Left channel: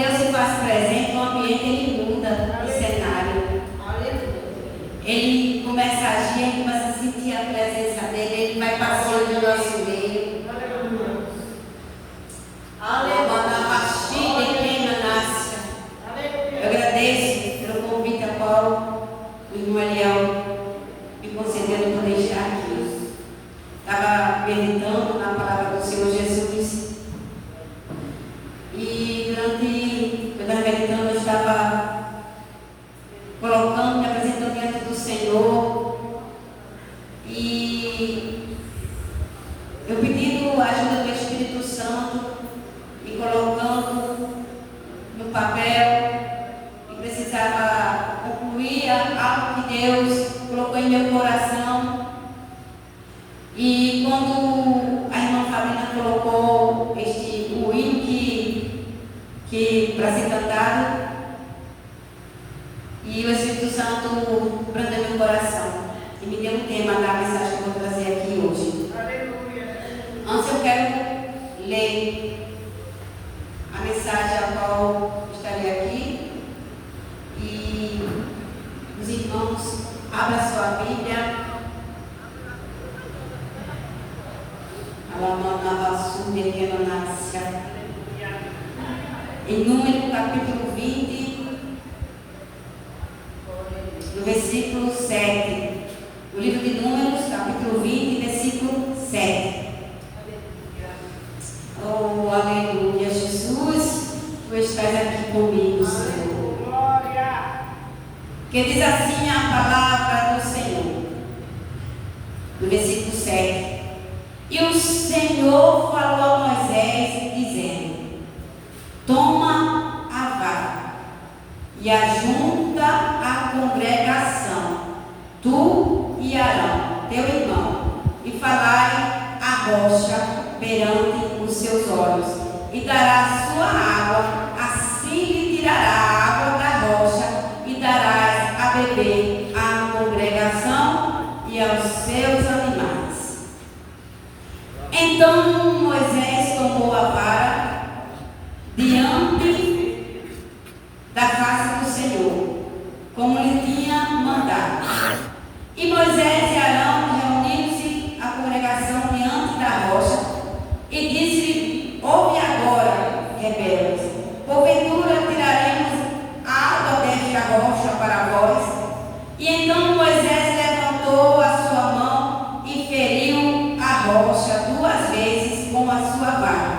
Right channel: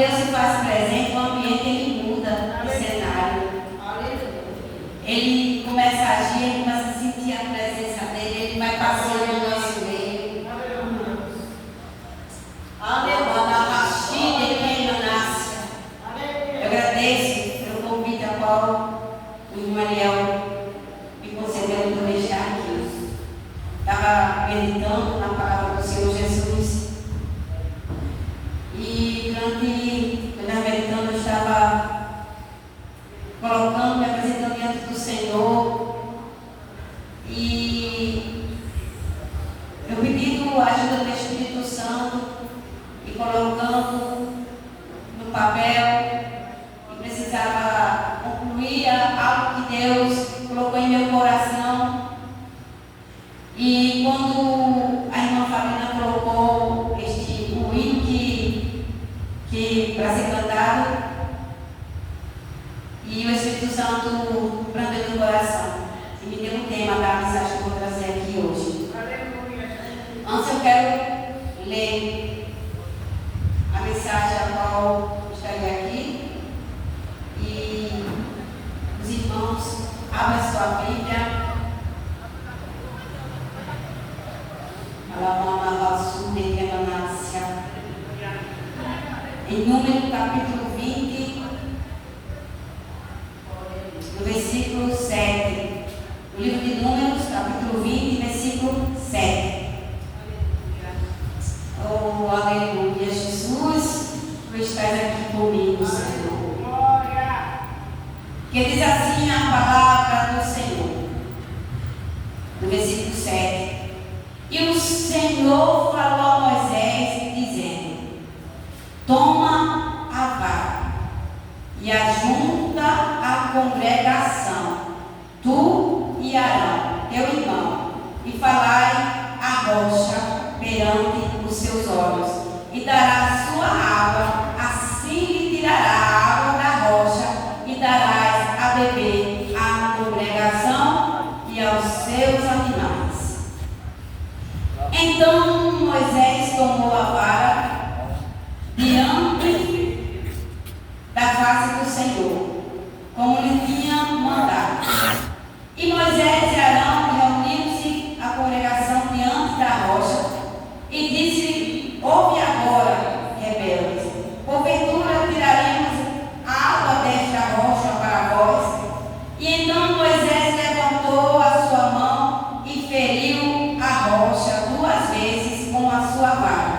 Deus se faz presente, o ambiente ele muda o cenário. Ele começa a agir, ele começa a sentir a presença dele, ele vai passeando no nosso meio. Eu agradeço pelo convite a qual o irmão Ariel me concedeu por deixar aqui. Estava meditando na palavra do Senhor Jesus. E quando eu estava meditando, eu estava colocando, me apresentando diante do Senhor. E eu pedindo a ajuda do Espírito Santo e colocando no papel. Precisava concluir algo que Deus colocou em meu coração. E quando a irmã Fabiana colocou o hino que para ser cantado, e o Espírito Santo prendeu meu coração e me deu um tema da mensagem que eu vou trazer aqui hoje. Antes eu quero ler a mensagem a qual estaria aqui. E os irmãos, abra sua Bíblia. Em Número capítulo 20, no versículo 7. No livro de Números, capítulo 20, versículo 7. Oh, aleluia, Jesus, tu estás aqui comigo, Senhor. Que diz assim a palavra do Senhor, no versículo 7. E o Senhor falou a Moisés, dizendo: toma a vara e ajunta a congregação, tu e Arão, teu irmão, e falai a rocha perante os seus olhos, e dará sua água, assim lhe tirará a água da rocha, e darás a beber à congregação e aos seus animais. Então Moisés tomou a vara diante da face do Senhor, como lhe tinha mandado. E Moisés e Arão reuniram-se a congregação diante da rocha e disse: ouve agora, rebeldes, porventura tiraremos a água desta rocha para vós? E então Moisés levantou a sua mão e feriu a rocha 2 vezes com a sua vara.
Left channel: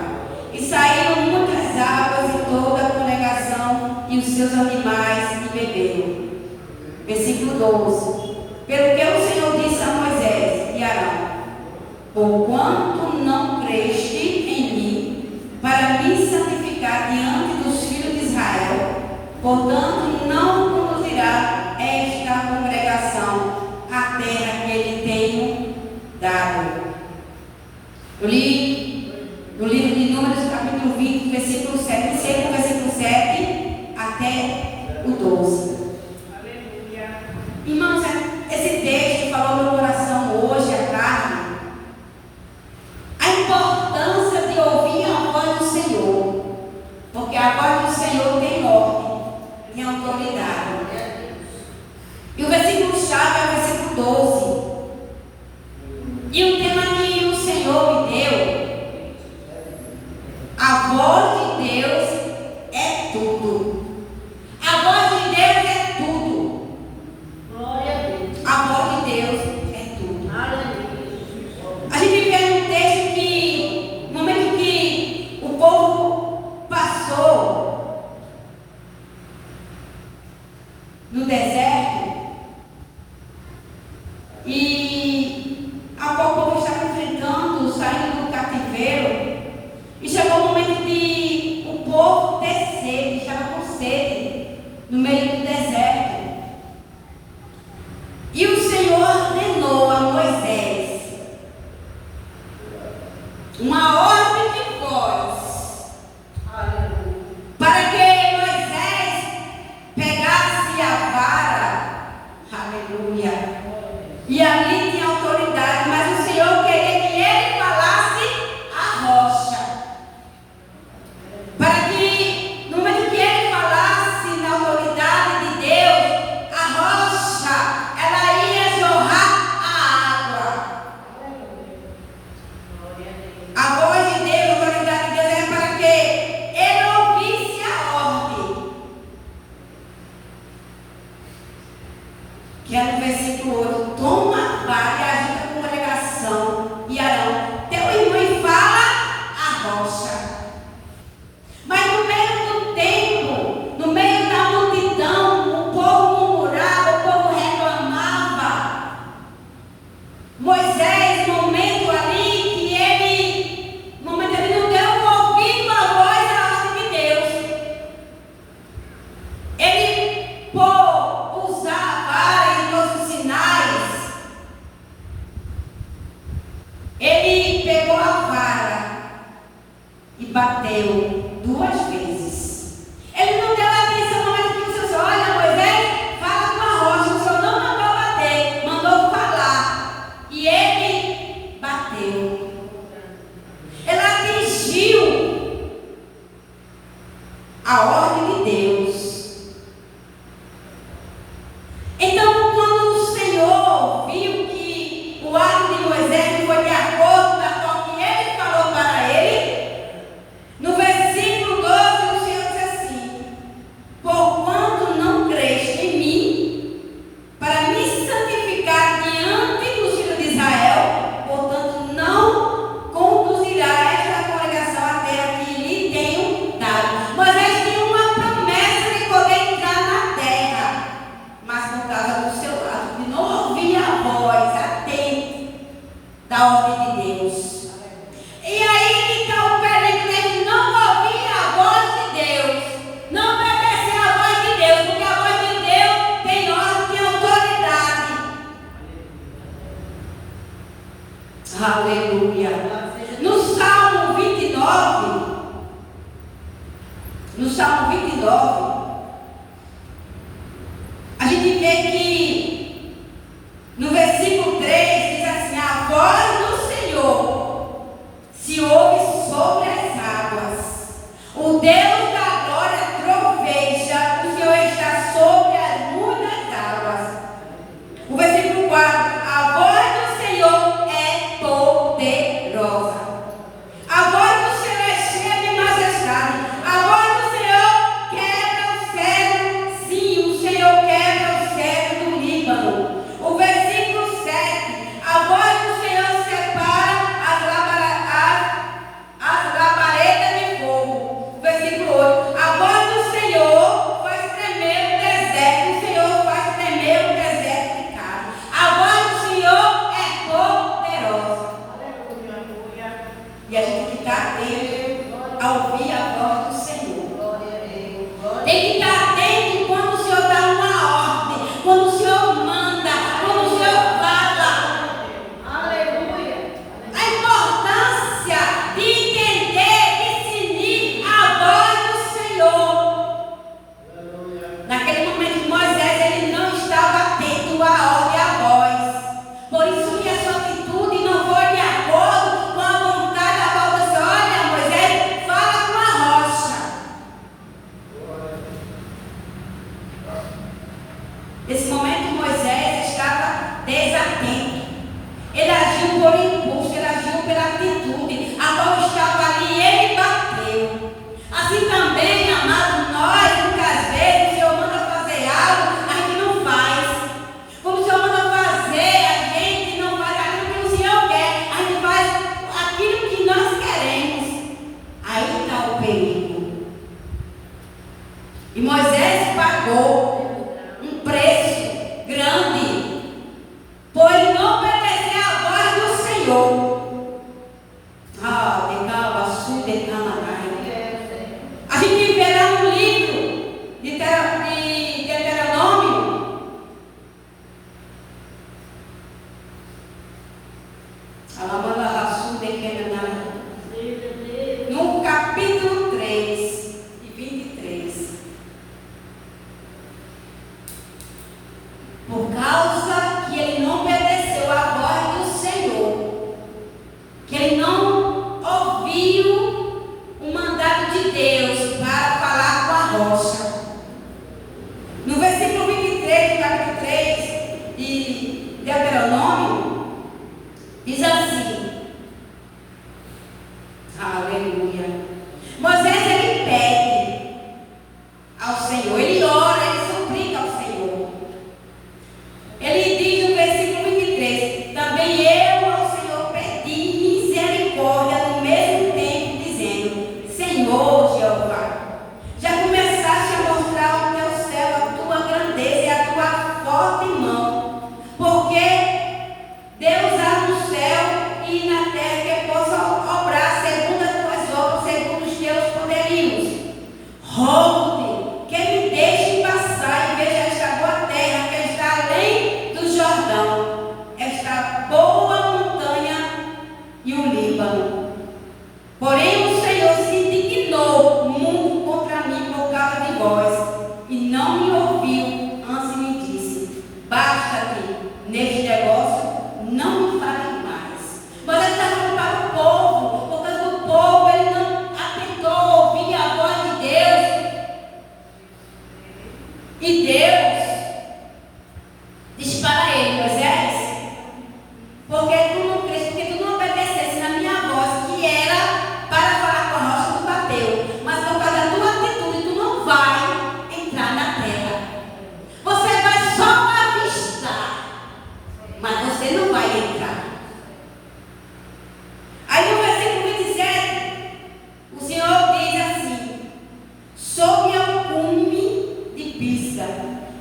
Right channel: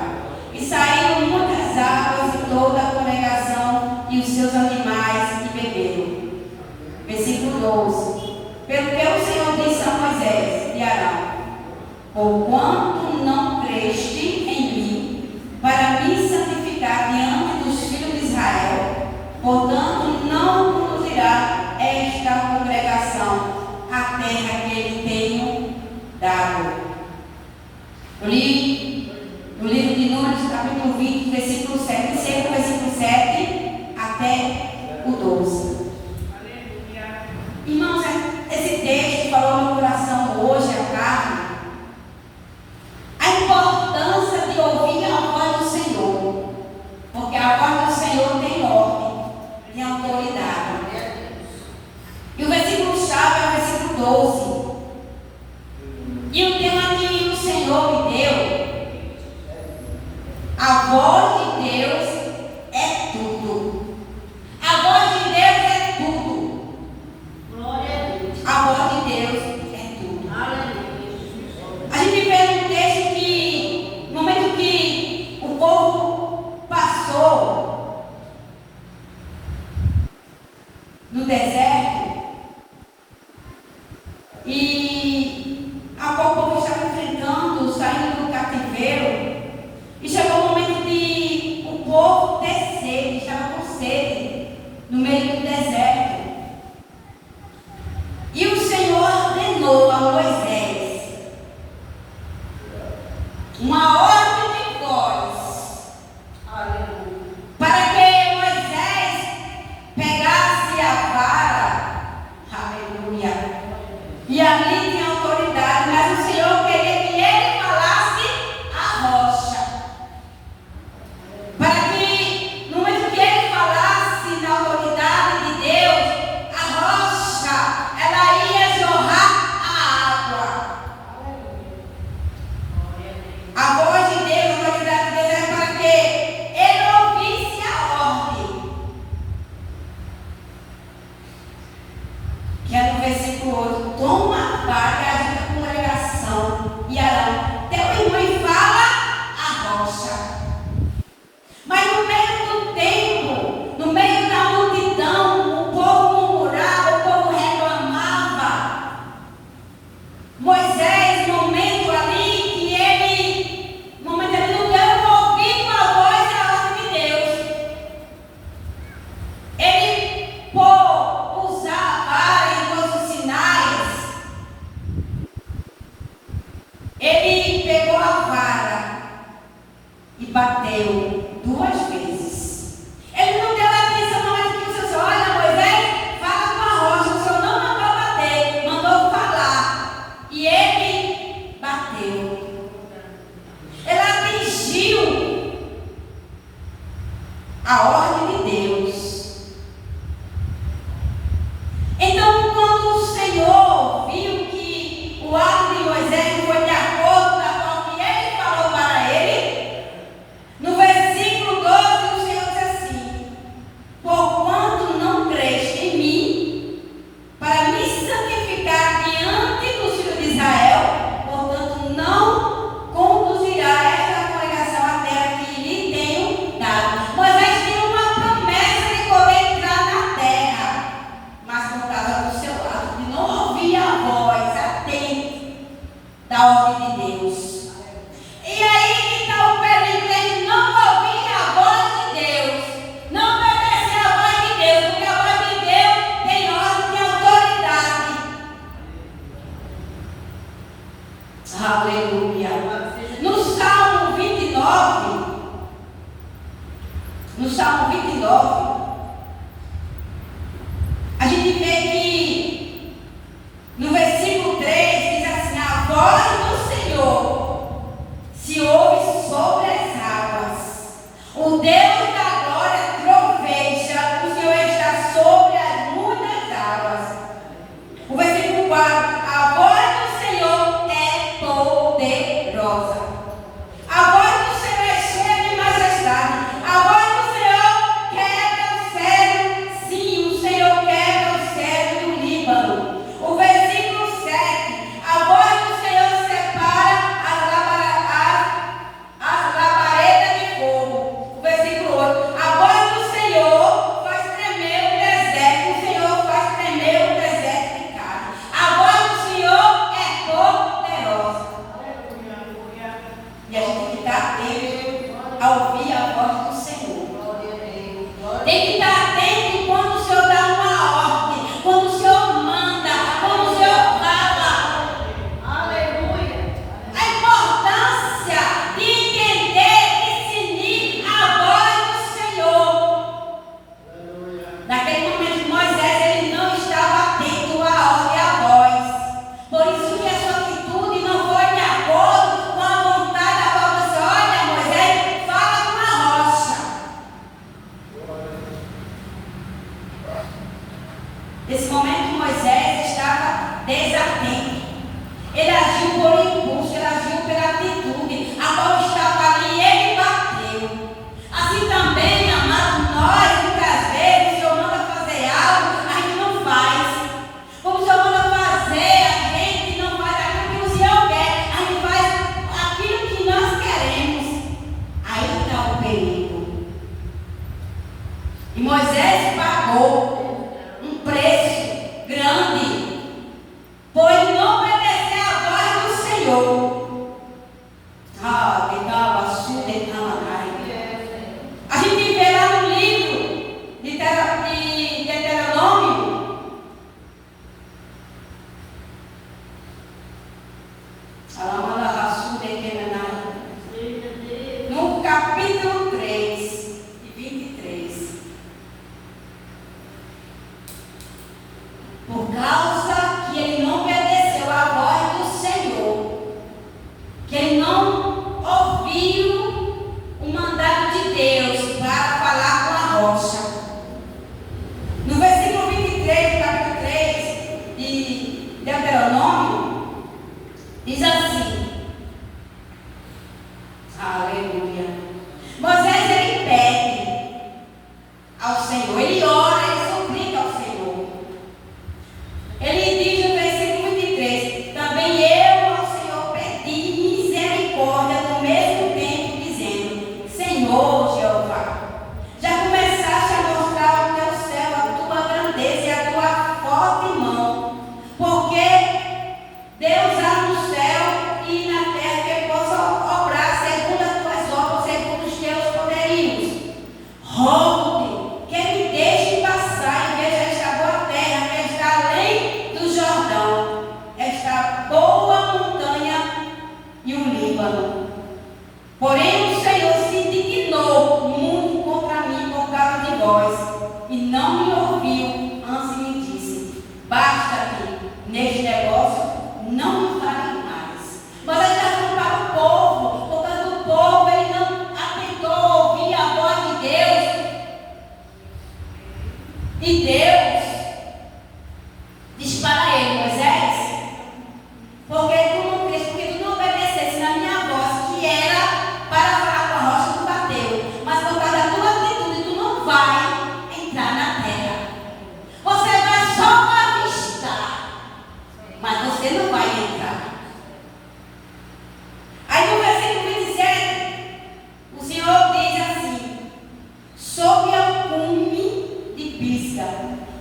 E saíram muitas águas e toda a congregação e os seus animais e beberam. Versículo 12. Pelo que o Senhor disse a Moisés e Arão: porquanto não creste em mim, para me santificar diante dos filhos de Israel, portanto não conduzirá esta congregação à terra que ele tenho dado. Eu li no livro de Números, capítulo 20, versículo 7, sempre o versículo 7 até o 12. Irmãos, esse texto falou no meu coração hoje à tarde a importância de ouvir a voz do Senhor, porque a voz do Senhor tem ordem, tem autoridade. E o versículo chave é o versículo 12. E o tema que o Senhor me deu: a voz de Deus é tudo. A voz de Deus é tudo. Glória a Deus. A voz de Deus é tudo. A gente vê um texto que, no momento que o povo passou no deserto, e a qual o povo estava enfrentando, saindo do cativeiro, e chegou o momento de o povo ter sede, estava com sede, no meio do deserto. E o Senhor ordenou a Moisés uma ordem de voz, para que Moisés pegasse a vara, aleluia, e ali tinha autoridade, mas o Senhor queria que ele falasse a rocha, para que no momento que Moisés, no momento ali, que ele, no momento ele não deu ouvido à voz e à ordem de Deus. Ele, por usar a vara e todos os sinais, ele pegou a vara e bateu 2 vezes. Ele não deu atenção no momento que o Senhor olha, Moisés, fala com a rocha. O Senhor não mandou bater, mandou falar. E ele bateu. Ele atingiu a ordem de Deus. Então, quando o Senhor viu que o ato de Moisés não foi de acordo com a forma que ele falou para ele, no versículo 12, o Senhor diz assim: porquanto não creste em mim, para me santificar diante dos filhos de Israel, portanto não conduzirá esta congregação à terra que lhe tenho dado. Moisés tinha uma promessa de poder entrar na terra, mas por causa do seu lado, de não ouvir a voz atente da ordem de Deus. E aí que está o perigo de não ouvir a voz de Deus, não obedecer a voz de Deus, porque a voz de Deus tem ordem, tem autoridade. Aleluia. No Salmo 29, a gente vê que no versículo 3 diz assim: a voz do Senhor se ouve sobre as águas, o Deus da glória troveja, o Senhor está sobre as muitas águas. O versículo 4: a voz do Senhor é poderosa, a voz do Senhor é cheia de majestade, a voz do Senhor quebra o cedro, sim, o Senhor quebra o cedro do Líbano. O versículo 7: a voz do Senhor separa as labaredas de fogo. O versículo 8: a voz do Senhor faz tremer o deserto, o Senhor faz tremer o deserto de carne. A voz do Senhor é poderosa. E a gente tem que estar atento a ouvir a voz do Senhor. Tem que estar atento quando o Senhor dá uma ordem, quando o Senhor manda, quando o Senhor fala. Aleluia. A importância de entender, discernir a voz do Senhor. Naquele momento, Moisés, ele não estava atento à ordem e à voz. Por isso que a sua atitude não foi de acordo com a vontade da voz do Senhor. Olha, Moisés, fala com a rocha. Nesse momento, Moisés estava desatento. Ele agiu por impulso, ele agiu pela atitude. A bola estava ali e ele bateu. Assim também, amados, nós, muitas vezes, o Senhor manda fazer algo, a gente não faz. Como o Senhor manda fazer, a gente não faz aquilo que o Senhor quer, a gente faz aquilo que nós queremos. Aí está o perigo. E Moisés pagou um preço grande, por não obedecer à voz do Senhor. Legal, assunto de Cananai. A gente vê lá no livro de Deuteronômio, no capítulo 3 e 23. Por causa que ele não obedeceu à voz do Senhor, que ele não ouviu o mandado de Deus para falar com a rocha. No versículo 23, capítulo 3 de Deuteronômio, diz assim: aleluia. Moisés, ele pede ao Senhor, ele ora, ele suplica ao Senhor. Ele diz no versículo 23: também eu ao Senhor pedi misericórdia no mesmo tempo, dizendo: Senhor Jeová, já começaste a mostrar o teu céu, a tua grandeza e a tua forte mão, porque Deus aqui na terra que possa obrar segundo as tuas obras, segundo os teus poderios. Rogo-te que me deixe passar e veja esta boa terra que está além do Jordão, esta boa montanha e o Líbano. Porém o Senhor se indignou muito contra mim por causa de vós, e não me ouviu, antes me disse: basta-te neste negócio, não me fale mais. Mas ele está falando para o povo, por causa do povo, ele não atentou ouvir a voz de Deus. E Deus disse para ele: Moisés, porque tu não crês, porque tu não obedecesse na minha voz, que era para falar com a rocha, tu bateu. Mas por causa da tua atitude, tu não vai entrar na terra. Você vai só avistar, mas você não vai entrar. Aí no versículo 27, o Senhor diz assim: sobe ao cume de Pisga,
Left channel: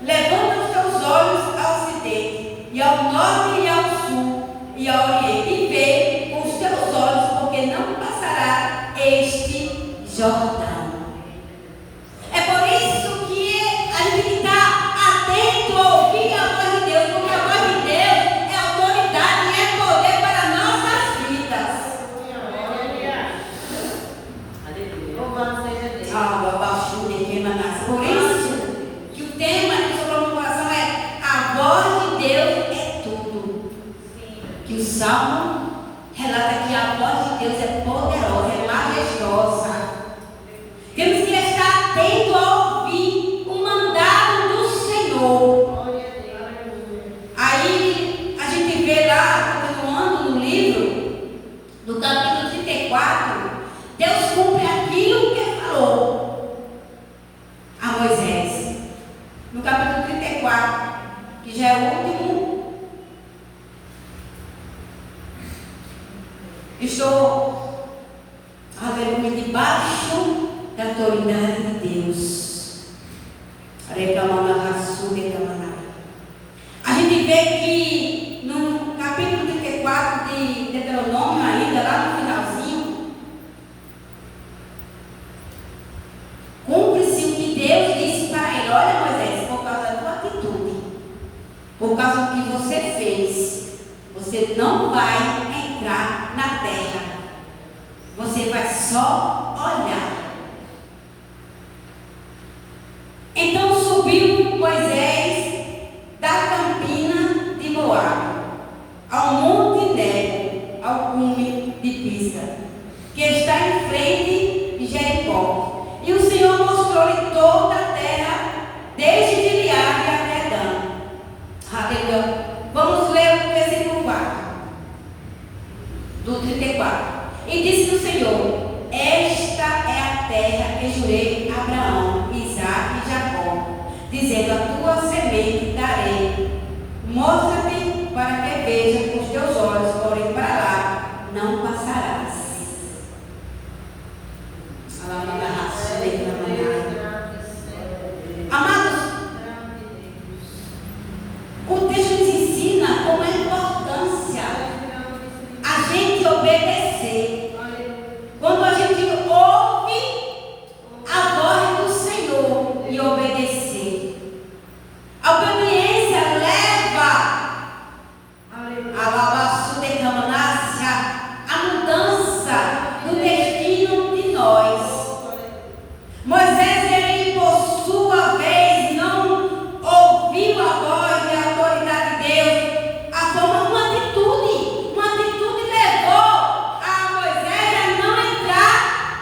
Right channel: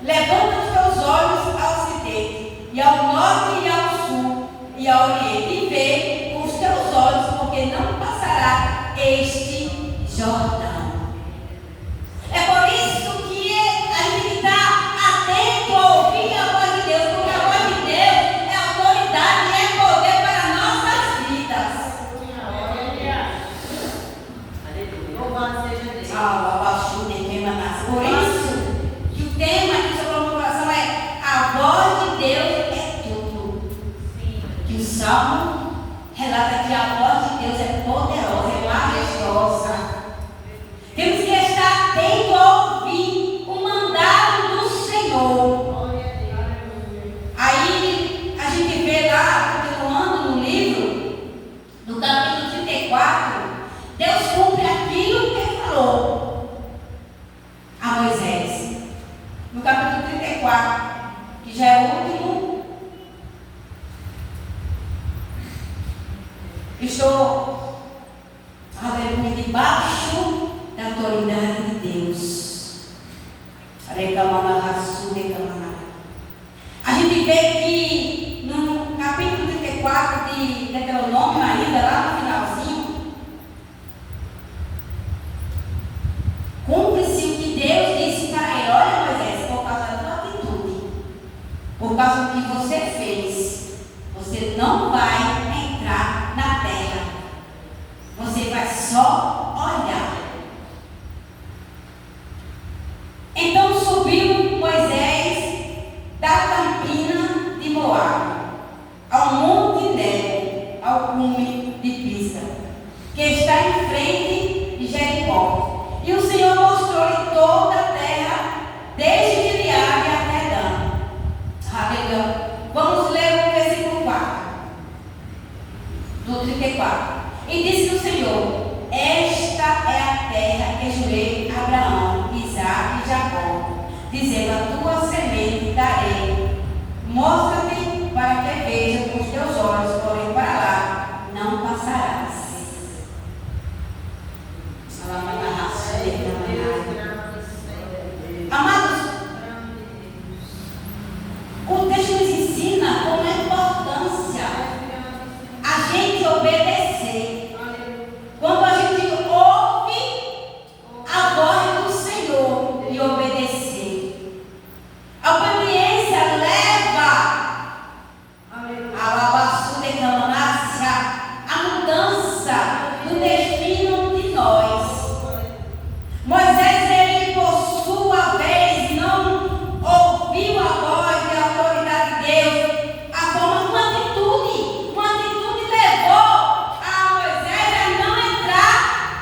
levanta os teus olhos ao ocidente, e ao norte e ao sul, e ao oriente, e vê com os teus olhos, porque não passará este Jordão. É por isso que a gente está atento a ouvir a voz de Deus, porque a voz de Deus é autoridade e é poder para nossas vidas. Por isso que o tema que sobrou no coração é: a voz de Deus é tudo. Que o Salmo relata que a voz de Deus é poderosa, é majestosa. Temos que estar atento a ouvir o mandado do Senhor. Aí a gente vê lá, continuando no livro, no capítulo 34, Deus cumpre aquilo que ele falou a Moisés. No capítulo 34, que já é o último, estou, aleluia, debaixo da autoridade de Deus. A gente vê que no capítulo 34 de Deuteronômio, ainda lá no finalzinho, cumpre-se o que Deus disse para ele: olha, Moisés, por causa da tua atitude, por causa do que você fez, você não vai entrar na terra, você vai só olhar. Então subiu Moisés da campina de Moabe ao monte Nebo, ao cume de Pisga, que está em frente de Jericó. E o Senhor mostrou-lhe toda a terra, desde Gileade até Dan. Aleluia. Vamos ler o versículo 4 do 34. E disse o Senhor: esta é a terra que jurei a Abraão, Isaque e Jacó, dizendo: a tua semente darei. Mostra-te para que veja com os teus olhos, porém para lá não passarás. Amados, o texto nos ensina como é a importância a gente obedecer. Quando a gente ouve a voz do Senhor e obedecer, a obediência leva a mudança do destino de nós. Moisés, ele por sua vez não ouviu a voz e a autoridade de Deus, a forma, uma atitude levou a Moisés a não entrar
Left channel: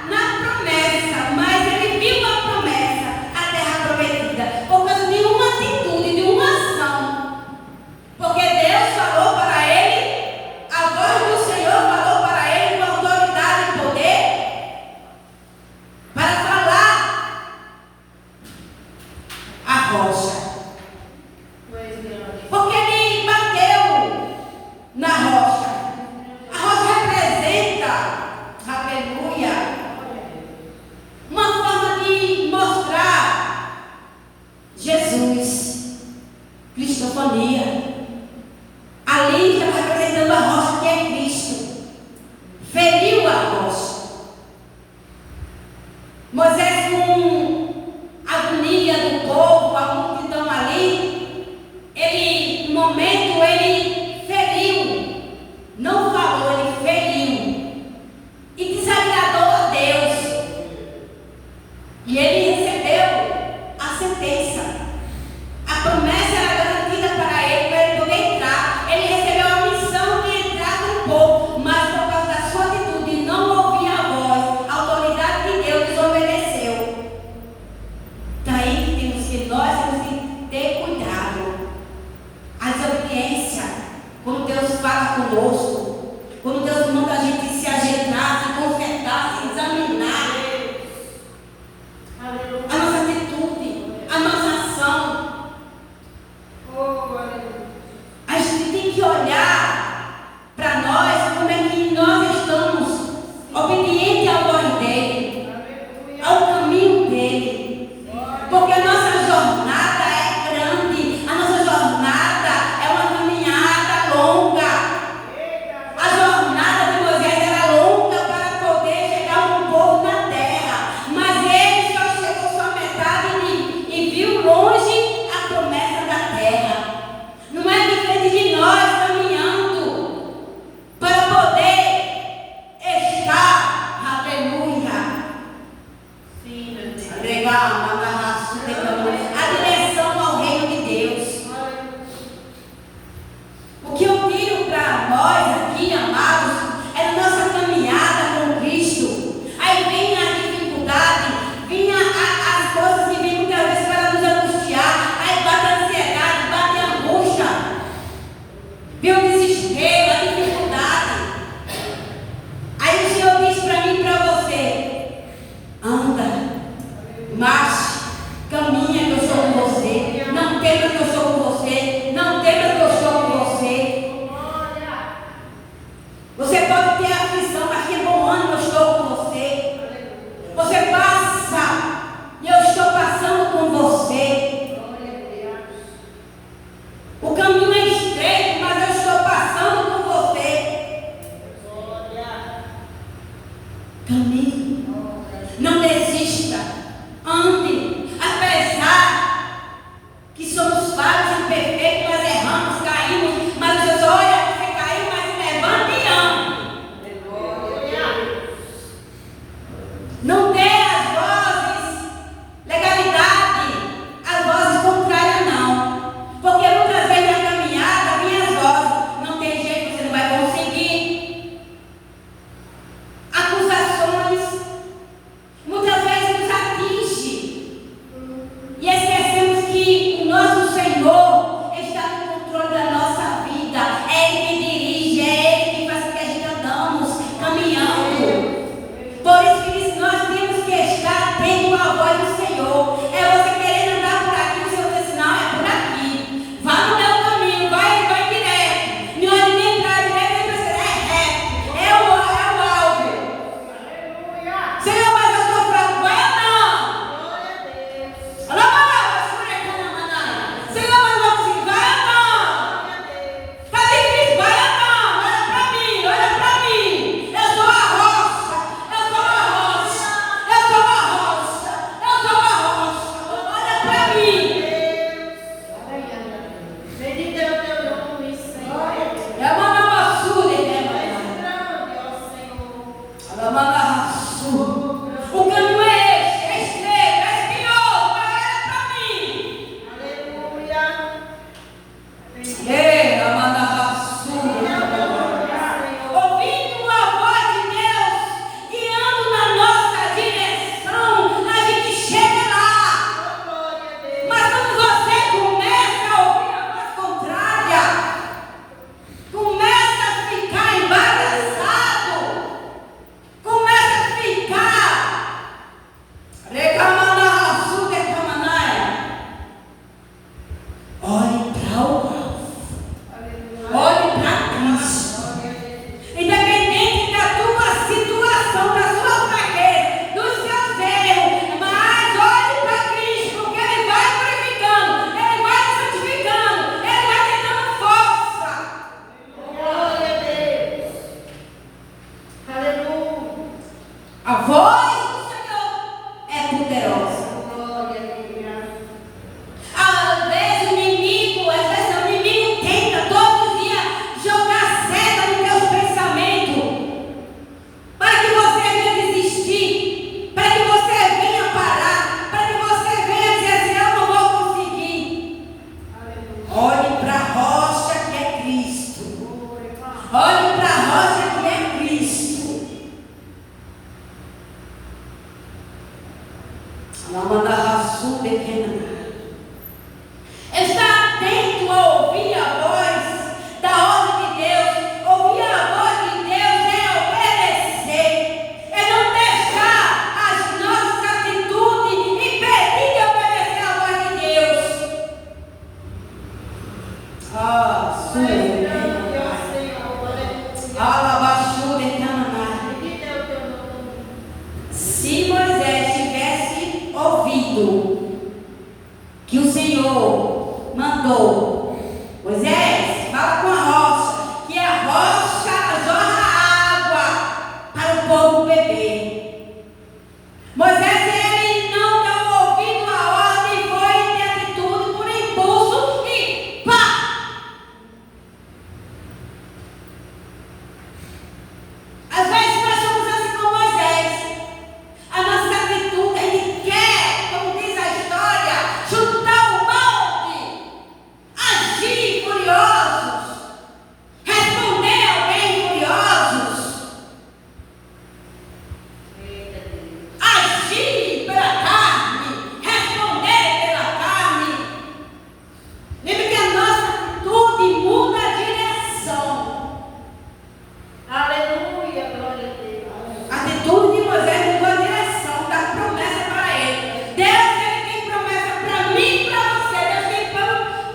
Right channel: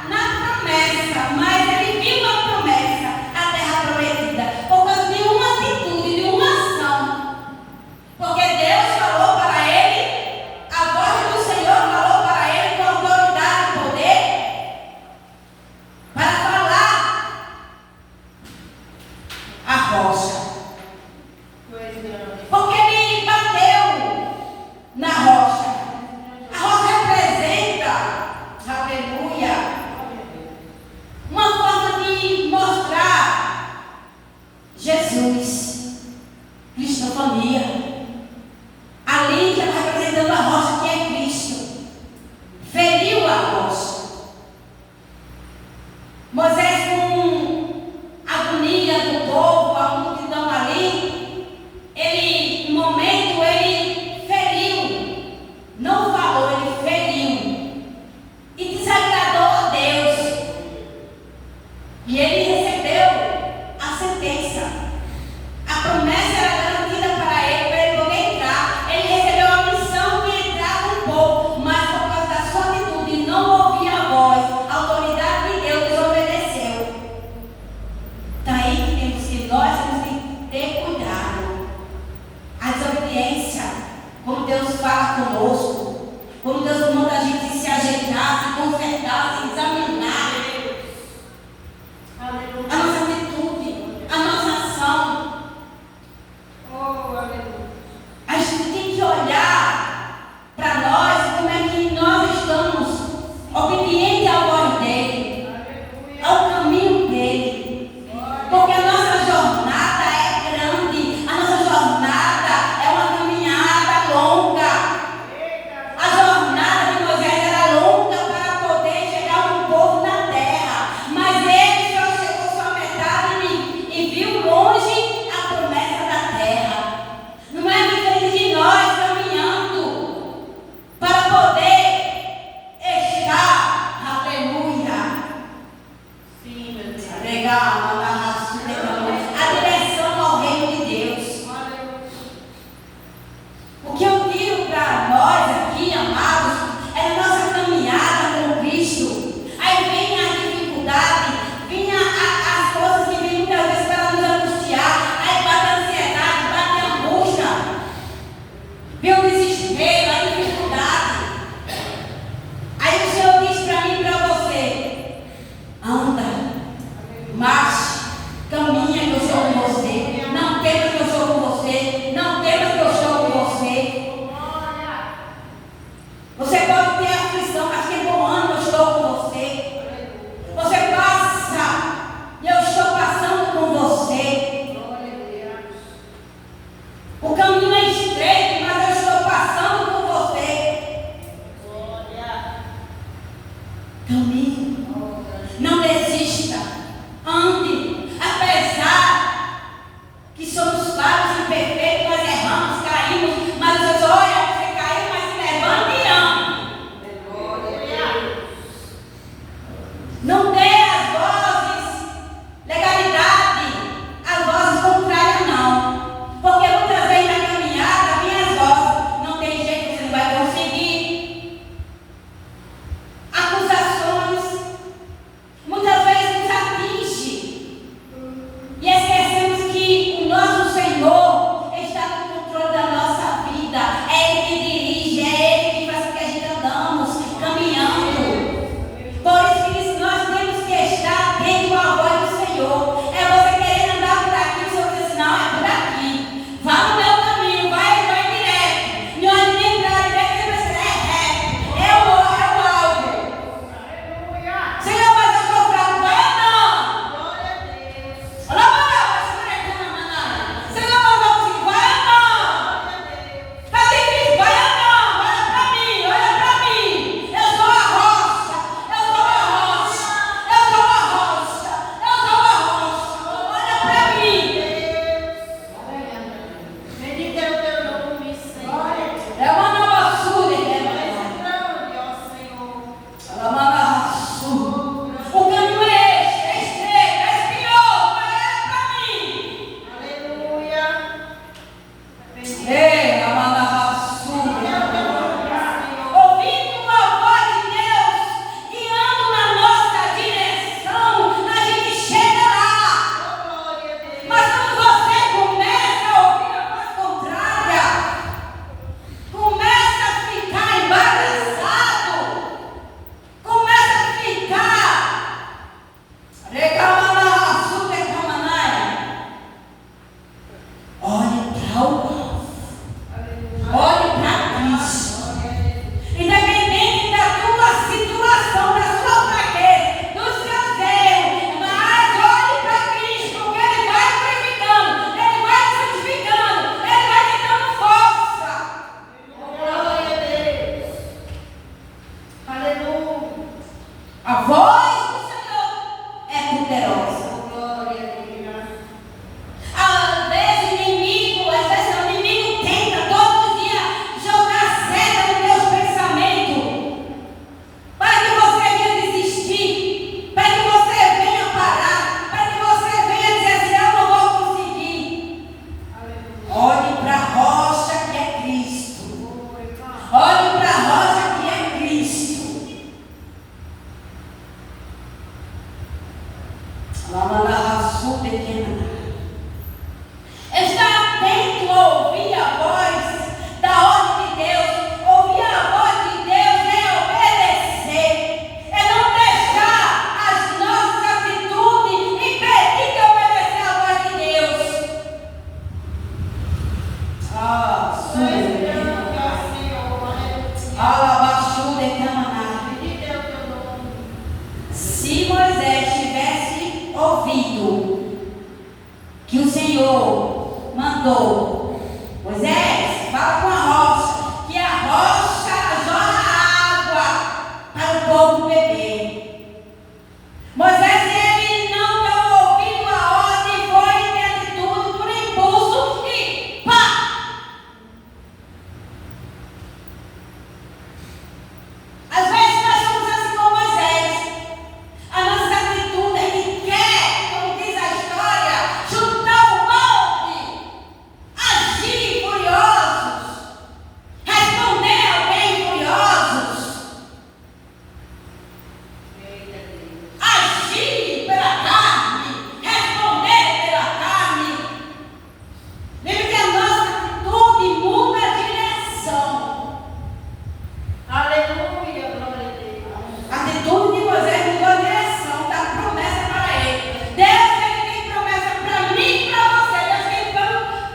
na promessa, mas ele viu a promessa, a terra prometida, por causa de uma atitude, de uma ação. Porque Deus falou para ele, a voz do Senhor falou para ele com autoridade e poder, para falar a rocha. Porque ele bateu na rocha. A rocha representa, aleluia, uma forma de mostrar Jesus, cristofania. Ali está representando a rocha que é Cristo. Alabaxu de Cananá. Se Moisés tivesse ouvido que o Senhor mandou, Moisés, fala com a rocha, que a rocha jorra água para o povo beber. Moisés, ele não deu ouvido à ordem, foi em atitude, por impulso e pá! Às vezes nós somos assim como Moisés. A nossa atitude, ele quer, como diz a história, chutar o balde, agir furiosos, responder alguém furiosos, agir pela carne, responder pela carne. Lembre que a nossa atitude muda a direção. Aleluia, glória a Deus. A atitude de Moisés mudou a direção da promessa para ele. Deus, ele tem promessa para mim e para você. Deus tem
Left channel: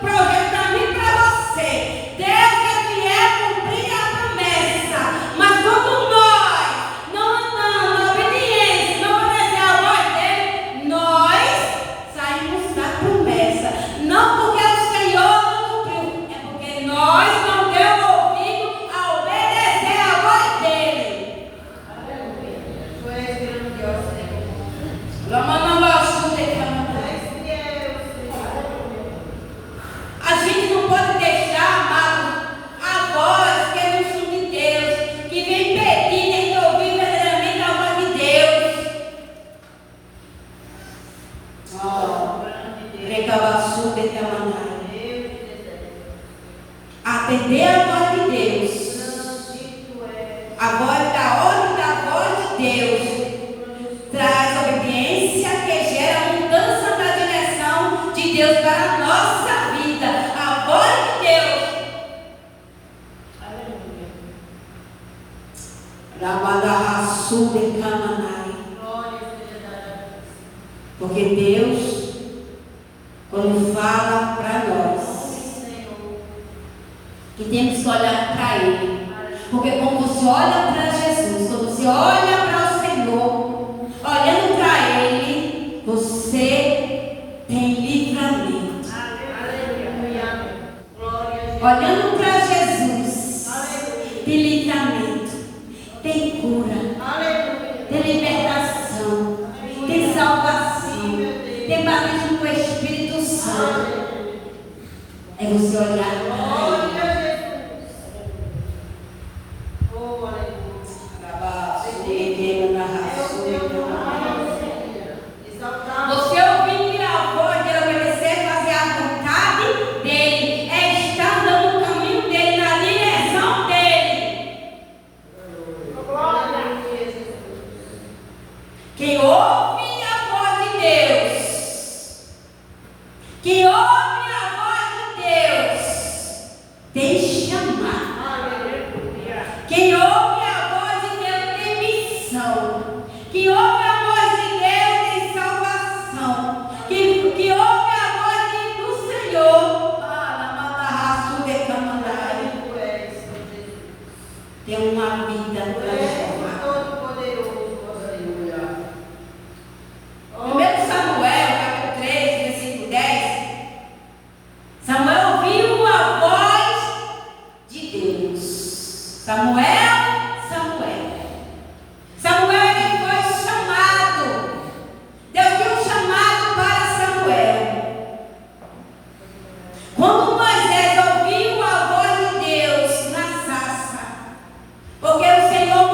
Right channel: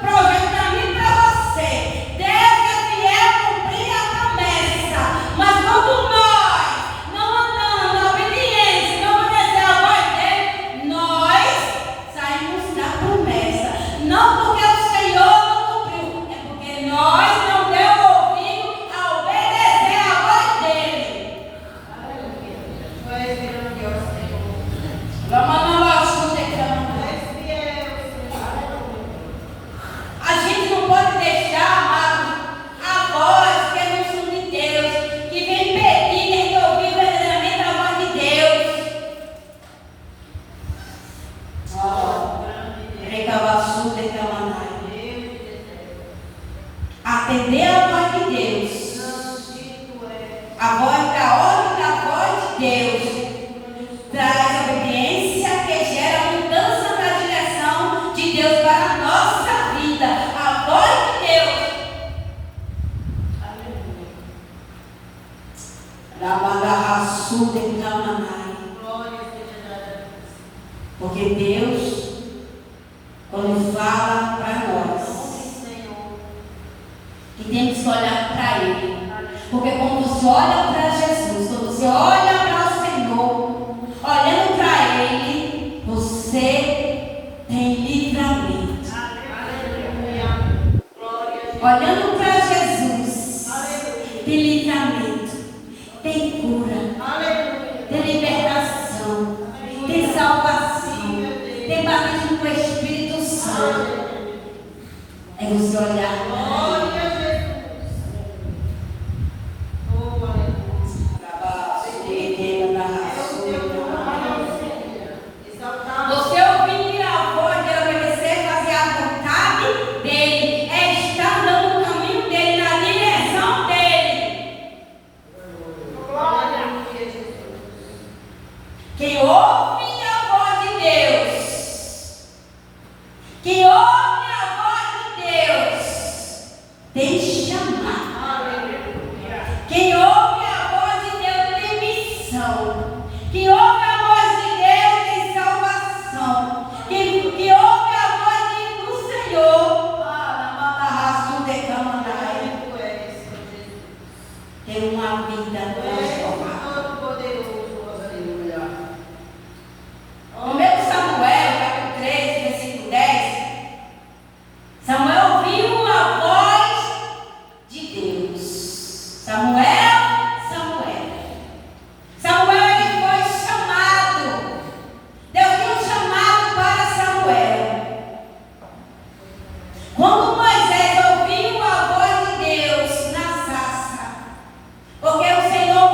projeto para mim e para você. Deus é fiel cumprir a promessa. Mas quando nós não andamos na obediência, não obedecer a voz dele, nós saímos da promessa. Não porque o Senhor não cumpriu, é porque nós não demos ouvido a obedecer a voz dele. Aleluia. Foi esperando que eu sei como. A gente não pode deixar, amado, a voz que é no sul de Deus, que vem pedir, tem que ouvir verdadeiramente a voz de Deus. Recabaçu de Camanai. Atender a voz de Deus. A voz da ordem da voz de Deus traz obediência que gera mudança na direção de Deus para a nossa vida. A voz de Deus. Lamandarraçu de Camanai. Porque Deus, quando fala para nós, que temos que olhar para Ele. Porque quando você olha para Jesus, quando você olha para o Senhor, olhando para Ele, você tem livramento. Olhando para Jesus, tem livramento, tem cura, tem libertação, tem salvação, tem batismo com o Espírito Santo. É você olhar para Ele. Você ouvir a voz de obedecer, fazer a vontade dele, é estar andando no caminho dele, na direção dele. Quem ouve a voz de Deus, quem ouve a voz de Deus, tem chamado. Quem ouve a voz de Deus tem missão. Quem ouve a voz de Deus tem salvação. Quem ouve a voz do Senhor, tem uma vida transformada. Primeiro Samuel, capítulo 3, versículo 10. Samuel ouviu a voz de Deus. Samuel, ele foi chamado. Deus deu um chamado para Samuel. Quando Moisés ouviu a voz de Deus na sarça, porque o Senhor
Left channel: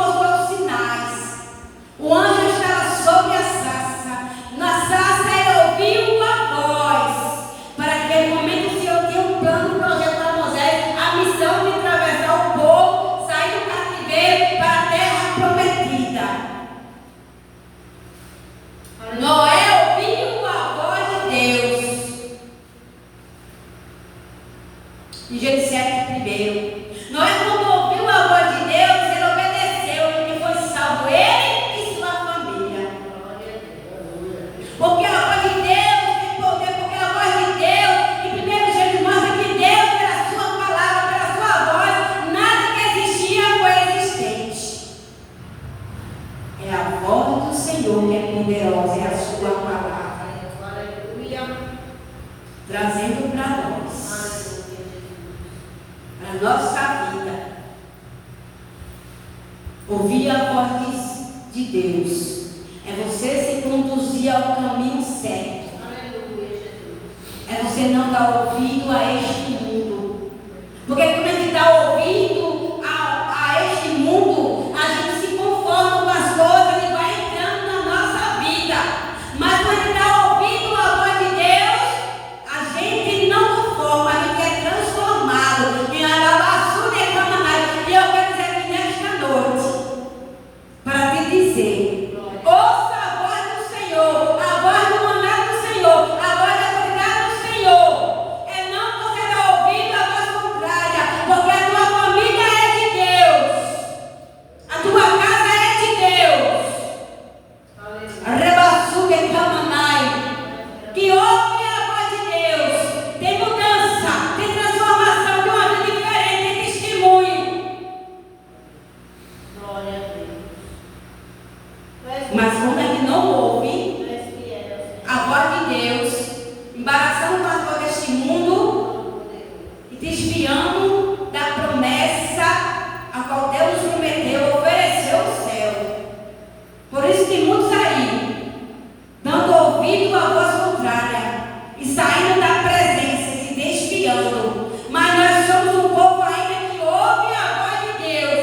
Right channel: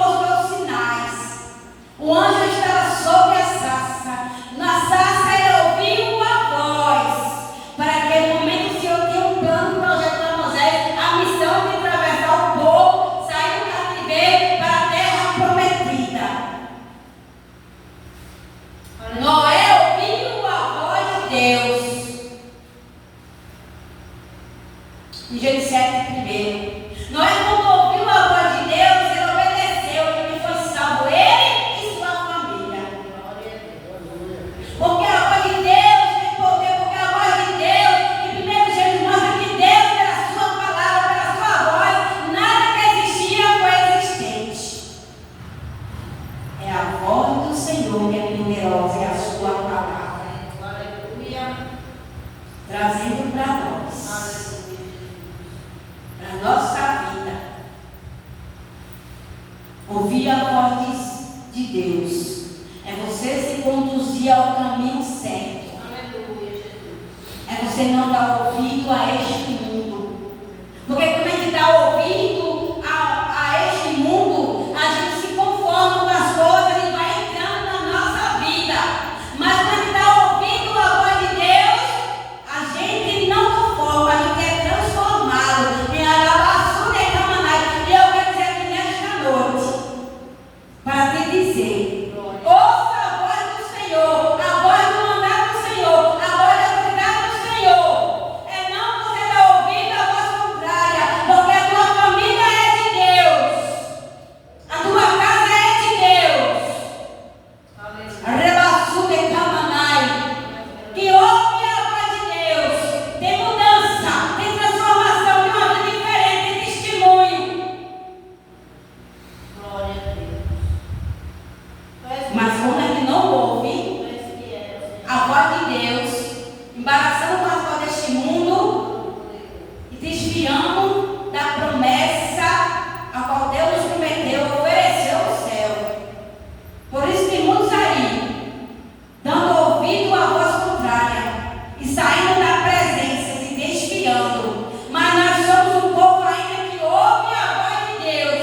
Ouvir a voz de Deus é você se conduzir ao caminho certo. Aleluia, Jesus. É você não dar ouvido a este mundo. Porque quando a gente dá ouvido a este mundo, a gente se conforma com as coisas e vai entrando na nossa vida. Mas quando a gente dá ouvido a voz de Deus, a gente não conforma, a gente é transformado em alabaçu de camanai. E eu quero dizer aqui nesta noite, para te dizer, ouça a voz do Senhor, a voz do mandado do Senhor, a voz da autoridade do Senhor. É não você dar ouvido a voz contrária, porque a tua família é de Deus, a tua casa é de Deus. Rebaçu de camanai, que ouve a voz de Deus, tem mudança, tem transformação, tem uma vida diferente, tem testemunho. Glória a Deus. Mas quando a gente não ouve Tu és fiel, Senhor. a voz de Deus, embaraçando as coisas deste mundo e desviando da promessa a qual Deus nos prometeu, ofereceu o céu. Por isso tem muitos aí, dando ouvido à voz contrária e saindo da presença, se desviando. Mas nós somos um povo ainda que ouve a voz de Deus,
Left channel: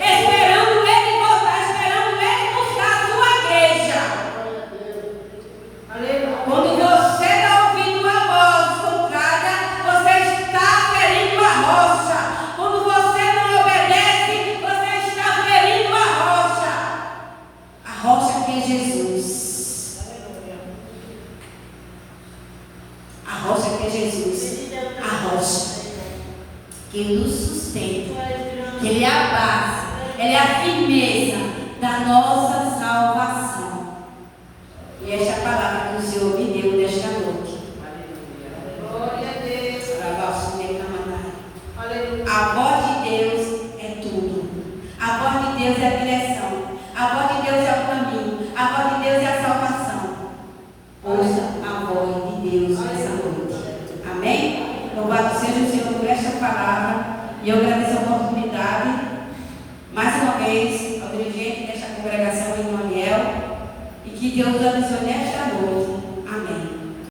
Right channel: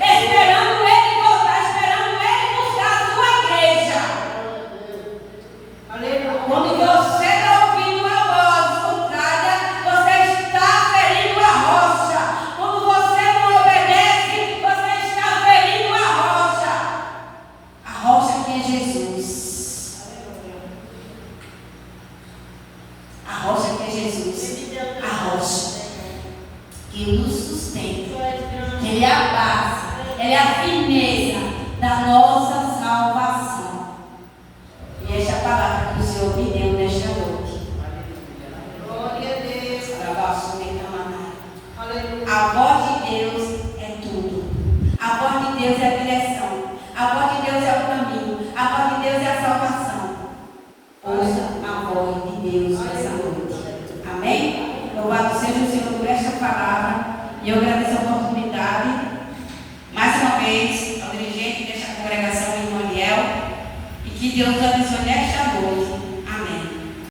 esperando Ele voltar, esperando Ele buscar a sua igreja. Aleluia. Quando você dá ouvido à voz contrária, você está ferindo a rocha. Quando você não obedece, você está ferindo a rocha. A rocha que é Jesus. A rocha que é Jesus. A rocha que nos sustenta. Ele é a base, Ele é a firmeza da nossa salvação. E esta é a palavra que o Senhor me deu nesta noite. Glória a Deus. Aleluia. A voz de Deus é tudo. A voz de Deus é a direção. A voz de Deus é o caminho. A voz de Deus é a salvação. Ouça a voz de Deus nessa noite. Amém? Louvado seja o Senhor por esta palavra. E eu agradeço a oportunidade, mais uma vez, ao dirigente desta congregação em Moniel. E que Deus abençoe nesta noite.